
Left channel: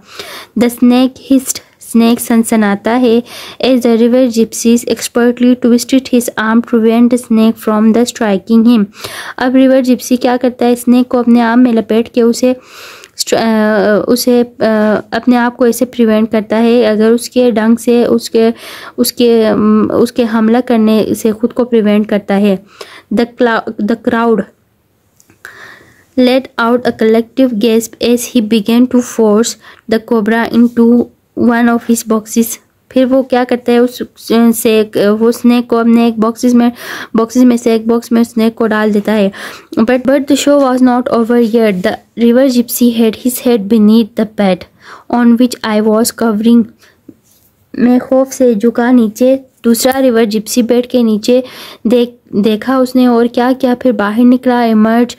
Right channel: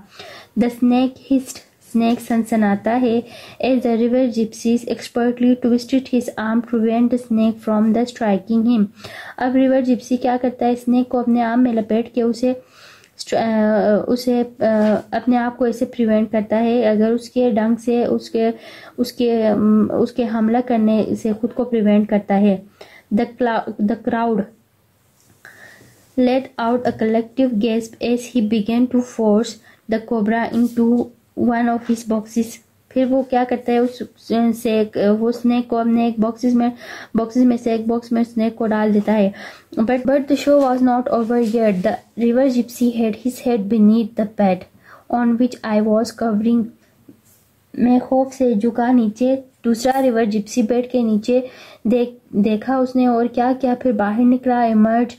The snake hissed, snake सनसनाता है। As the river gypsies expertly twisted his arm to prevent the snake from the striking him. अब रिवर जिप्सी क्या करता है, स्नेक को अपने आर्म में लपेट के उसे अपने आप को ऐसे प्रिवेंट करता है, अगर उसके डंक से उसके हमला करने से खुद को प्रिवेंट करता है। The crowd let out a collective gasp as he began to force the cobra into one of his boxes. फिर वो क्या करता है, वो स्नेक को अपने एक बॉक्सेस में से एक बॉक्स में स्नेक को डाल देता है। But the show was not over yet. The river Gypsy had his head beneath the bed on which I was covering. मैं खौफ से झुका नीचे, दूसरा रिवर जिप्सी बेड के नीचे देखा उसने और क्या क्या, फिर बाहर निकला। Emerge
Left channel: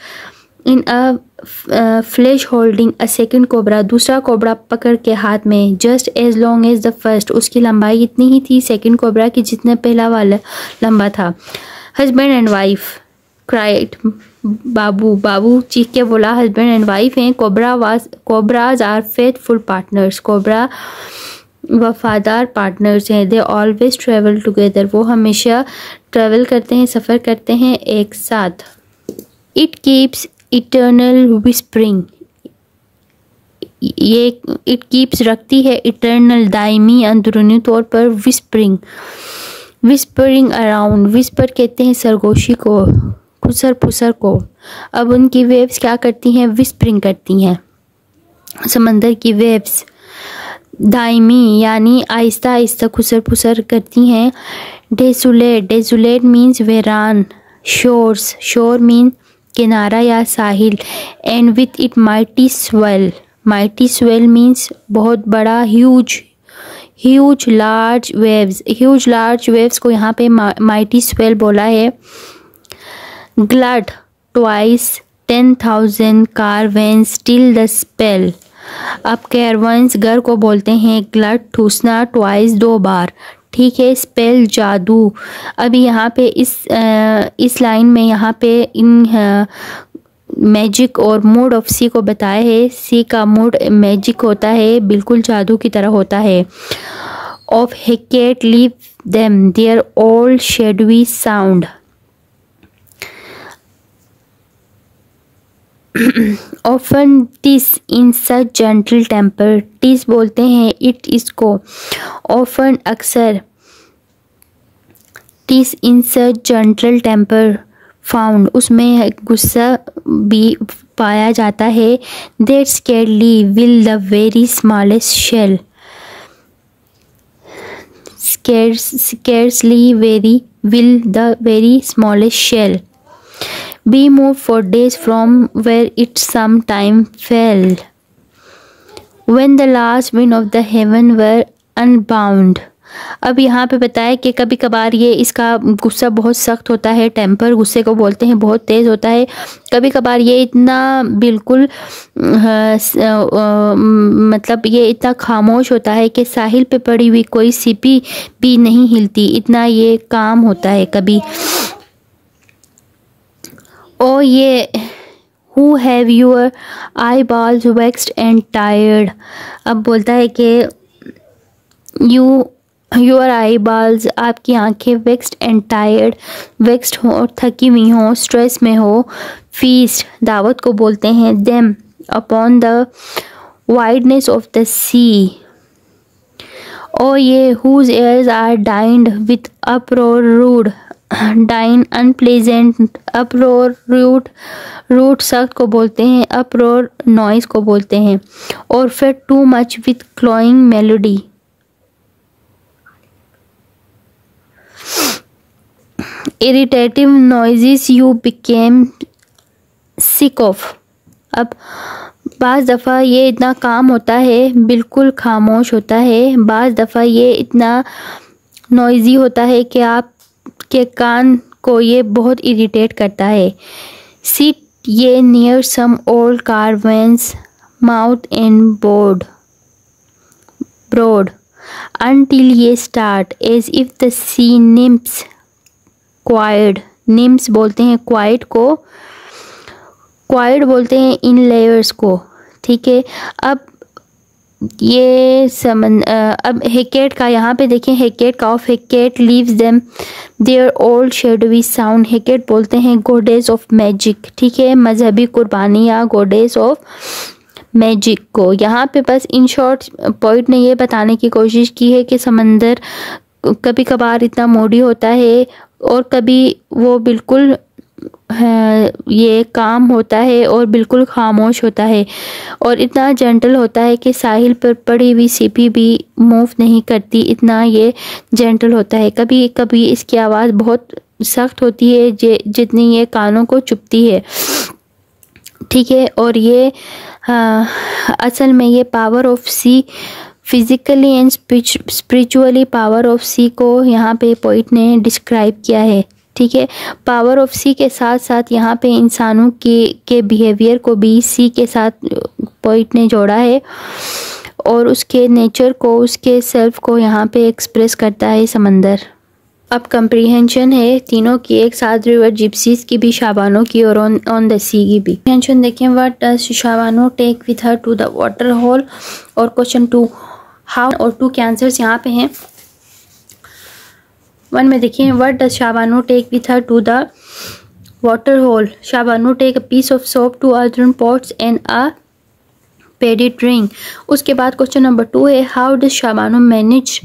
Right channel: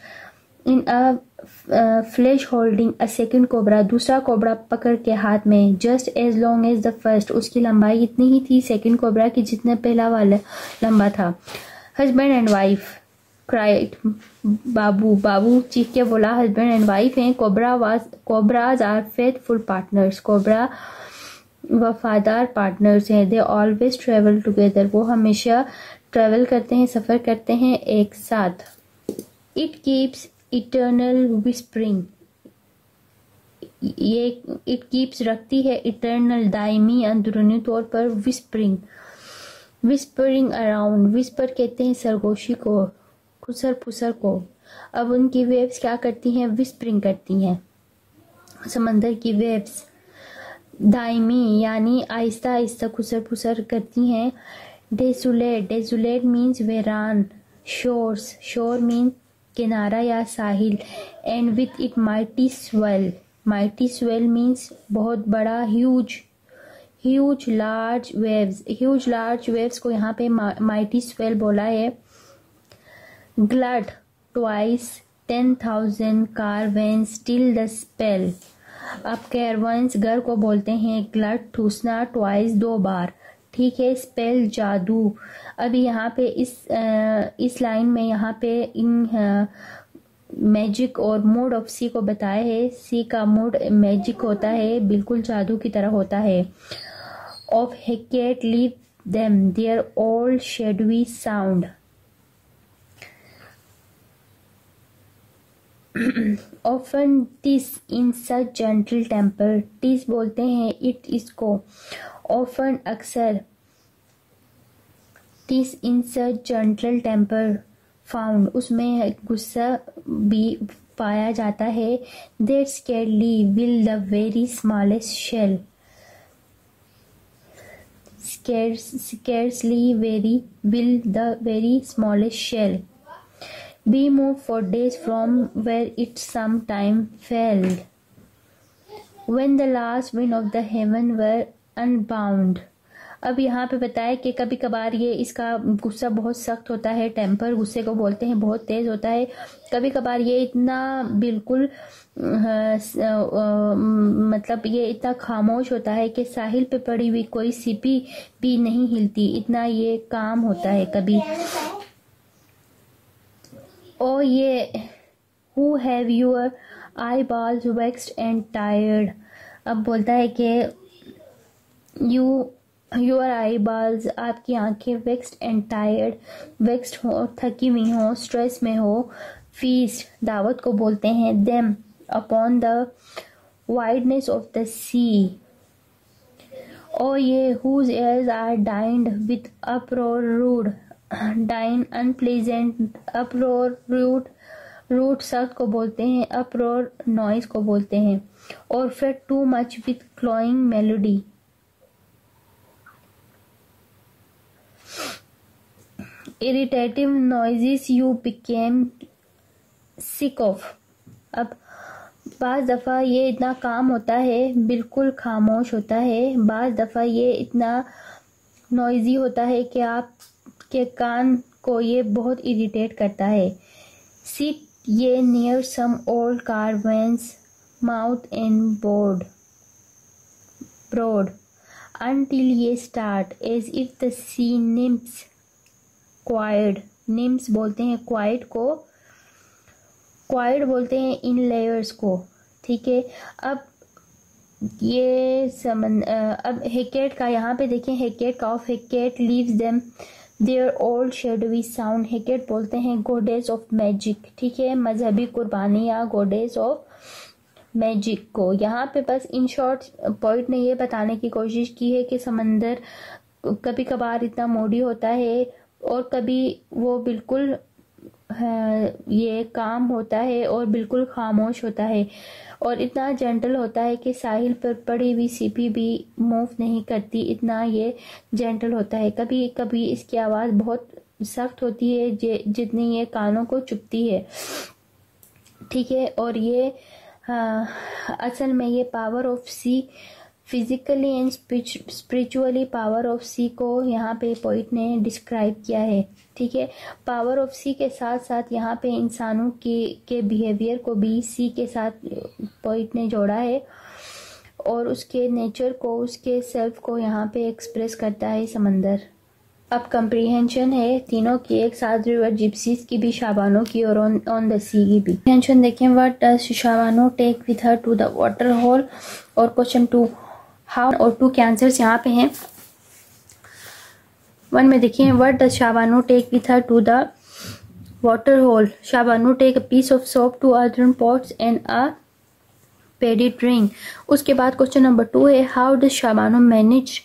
in a flash holding a second cobra, दूसरा कोबरा पकड़ के हाथ में। Just as long as the first, उसकी लंबाई इतनी ही थी सेकेंड कोबरा की जितना पहला वाला लंबा था। हस्बैंड एंड वाइफ क्राइड, बाबू चीख के बोला, हस्बैंड एंड वाइफ हैं। Cobras are faithful partners, cobra वफादार पार्टनर्स हैं। दे ऑलवेज ट्रेवल टुगेदर, वो हमेशा ट्रेवल करते हैं, सफ़र करते हैं एक साथ। इट कीप्स इटर्नल विस्परिंग, ये इट कीप्स रखती है इटर्नल दायमी अंदरूनी तौर पर। विस्परिंग अराउंड, विस्पर कहते हैं सरगोशी को, खुसर फुसर को। अब उनकी वेव्स क्या करती हैं, विस्परिंग करती हैं, समंदर की वेव्स। दायमी यानी आहिस्ता आहिस्ता खुसर फुसर करती हैं। डेजुलेट मीन्स वेरान। शोर मीन किनारा या साहिल। And with it mighty swell means बहुत बड़ा, ह्यूज लार्ज वेव्स को यहाँ पे माइटी स्वेल बोला है। ग्लड ट्वाइस 10,000 कारवेंस टिल द स्पेल। अब कैरवंस घर को बोलते हैं। ग्लड ठूसना, ट्वाइस 2 बार, ठीक है। स्पेल जादू। अभी यहाँ पे इस लाइन में यहाँ पे इन मैजिक और मूड ऑफ सी को बताया है। सी का मूड मैजिक होता है, बिल्कुल जादू की तरह होता है। Of Hackett leave them their old शेडवी sound. Often TISS in such gentle temper, TISS बोलते हैं इट इसको। ऑफन अक्सर, टिस इन सच जेंटल टेम्पर फाउंड, उसमें गुस्सा भी पाया जाता है। That स्कैरली will the very smallest shell, scarcely will the very smallest shell be moved for days from where it sometime fell, when the last wind of the heaven were unbound. अब यहाँ पे बताया कि कभी कभार ये इसका गुस्सा बहुत सख्त होता है, टेम्पर गुस्से को बोलते हैं, बहुत तेज़ होता है। कभी कभार ये इतना बिल्कुल मतलब ये इतना खामोश होता है कि साहिल पे पड़ी हुई कोई सीपी भी नहीं हिलती, इतना ये काम होता है कभी। ओ ये who have your I balls vexed and tired. अब बोलता है कि योर आई बॉल्स, आपकी आंखें वेक्स्ड एंड टायर्ड, वेक्स्ड हो और थकी हुई हो, स्ट्रेस में हो। फीस्ट, दावत को बोलते हैं। Them upon the wideness of the sea. Oh ye whose ears are dined with uproar rude, dine unpleasant, uproar rude, rude सख्त को बोलते हैं, uproar नॉइस को बोलते हैं। और फिर too much with cloying melody, irritative noises you became sick of। अब बाज़ दफ़ा ये इतना काम होता है, बिल्कुल खामोश होता है। बाज़ दफ़ा ये इतना नॉइज़ी होता है कि आपके कान को ये बहुत इरिटेट करता है। Sit ye near some old cavern's mouth and brood until ye start as if the sea nymphs quired. Nymphs बोलते हैं क्वाइड को, क्वाइड बोलते हैं इन लेयर्स को। ठीक है, अब ये अब हेकेट का यहाँ पे देखें, हेकेट का of Hecate leaves them their old shadowy sound. Hecate बोलते हैं गॉडेस ऑफ मैजिक। ठीक है, मजहबी कुर्बानी या गॉडेस ऑफ मैजिक को। यहाँ पे बस इन शॉर्ट पोइट ने ये बताने की कोशिश की है कि समंदर कभी कभार इतना मोडी होता है और कभी वो बिल्कुल ये काम होता है और बिल्कुल खामोश होता है और इतना जेंटल होता है कि साहिल पर पड़ी हुई सीपी भी मूव नहीं करती, इतना ये जेंटल होता है। कभी कभी इसकी आवाज़ बहुत सख्त होती है जितनी ये कानों को चुभती है। ठीक है, और ये असल में ये power of sea, physically and spiritually power of sea को यहाँ पे पोइट ने डिस्क्राइब किया है। ठीक है, पावर ऑफ सी के साथ साथ यहाँ पे इंसानों के बिहेवियर को भी सी के साथ पोइट ने जोड़ा है और उसके नेचर को, उसके सेल्फ को यहाँ पे एक्सप्रेस करता है समंदर। अब कंप्रीहेंशन है तीनों की एक साथ, रिवर जिप्सीज की भी, शाबानो की और ऑन द सी की भी। कंप्रीहेंशन देखें, what does Shabano take with her to the water hole. और क्वेश्चन 2 हाउ, और 2 के आंसर्स यहाँ पे हैं। 1 में देखिए, what does Shabano take with her to the water hole. Shabano take a piece of soap, 2 earthen pots and a padded ring. उसके बाद क्वेश्चन नंबर 2 है, how does Shabano manage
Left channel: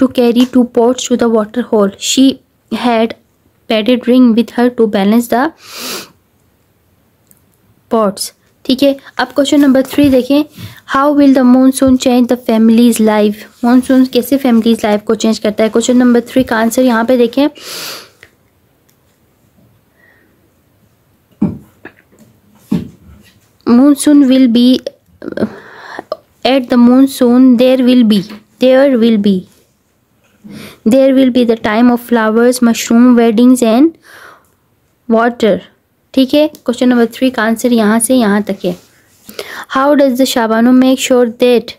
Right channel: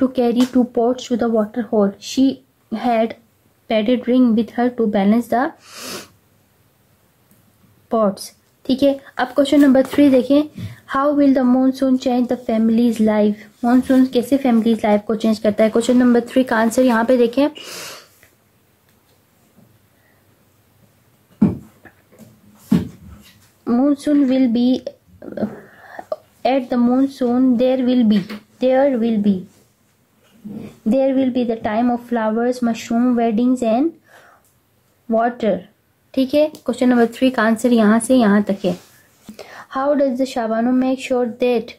to carry 2 pots to the water hole? She had padded ring with her to balance the pots. ठीक है, अब question number 3 देखें, how will the monsoon change the families life. Monsoon कैसे families life को change करता है। Question number 3 का answer यहाँ पे देखें, monsoon will be at the monsoon there will be the time of flowers, mushroom, weddings and water. ठीक है, क्वेश्चन नंबर 3 का आंसर यहाँ से यहाँ तक है। How does the Shabano make sure that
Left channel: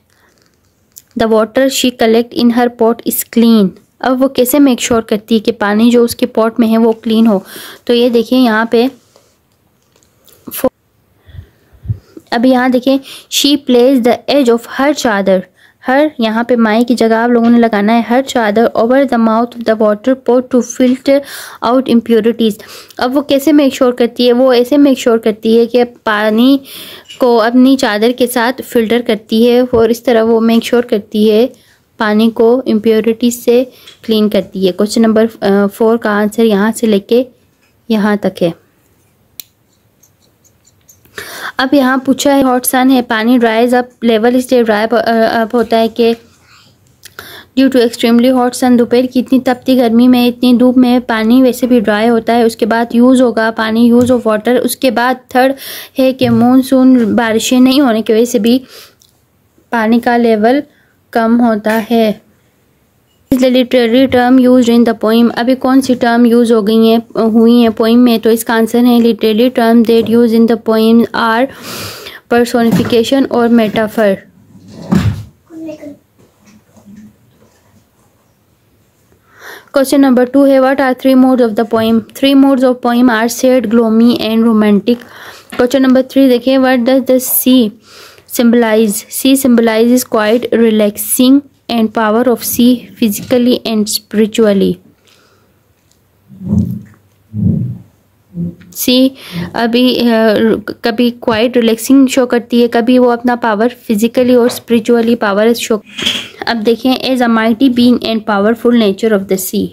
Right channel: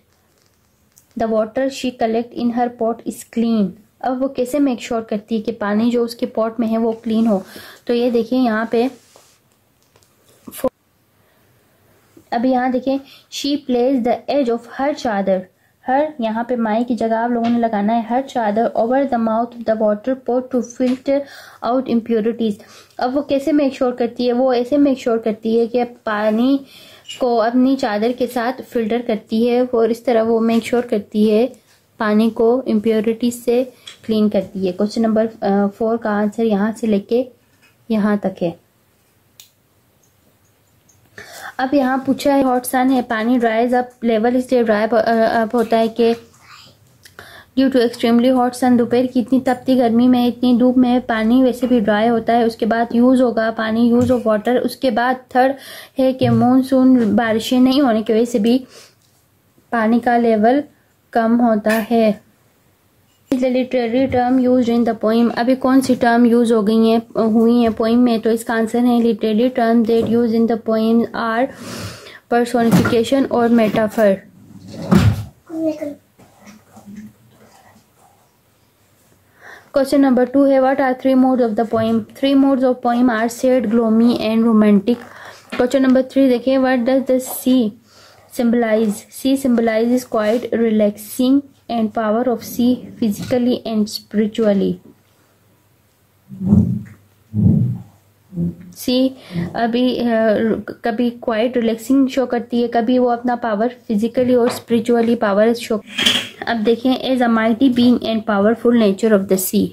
the water she collect in her pot is clean. अब वो कैसे मेक श्योर करती है कि पानी जो उसके पॉट में है वो क्लीन हो। तो ये देखिए यहाँ पे, अब यहाँ देखें, she place the edge of her चादर, हर यहाँ पे माई की जगह आप लोगों ने लगाना है हर चादर, over the mouth of the water pot to filter out impurities. अब वो कैसे मेक श्योर करती है, वो ऐसे मेक श्योर करती है कि पानी को अपनी चादर के साथ फिल्टर करती है और इस तरह वो मेक श्योर करती है पानी को इम्प्योरिटीज़ से क्लीन करती है। क्वेश्चन नंबर 4 का आंसर यहाँ से लेके यहाँ तक है। अब यहाँ पूछा है, हॉट सन है, पानी ड्राइज अप, लेवल इसलिए ड्राई अप होता है कि due to extremely hot sun, दोपहर की इतनी तपती गर्मी में, इतनी धूप में पानी वैसे भी ड्राई होता है। उसके बाद यूज़ होगा पानी, यूज़ ऑफ वाटर। उसके बाद 3rd है कि मानसून, बारिशें नहीं होने की वजह से भी पानी का लेवल कम होता है। Is the literary term use in the poem. अभी कौन सी टर्म यूज हुई है पोइम में, तो इसका आंसर है literary term that use in the poem are personification और मेटाफर। क्वेश्चन नंबर 2 है, what are 3 modes of the poem. 3 modes of poem are sad, gloomy and romantic. Question number 3 देखिए, what does the sea symbolize? Sea symbolizes quiet, relaxing and power of sea physically and spiritually. सी अभी कभी quite relaxing show करती है, कभी वो अपना power physically और spiritually power show. अब देखें, as a mighty being and powerful nature of the C.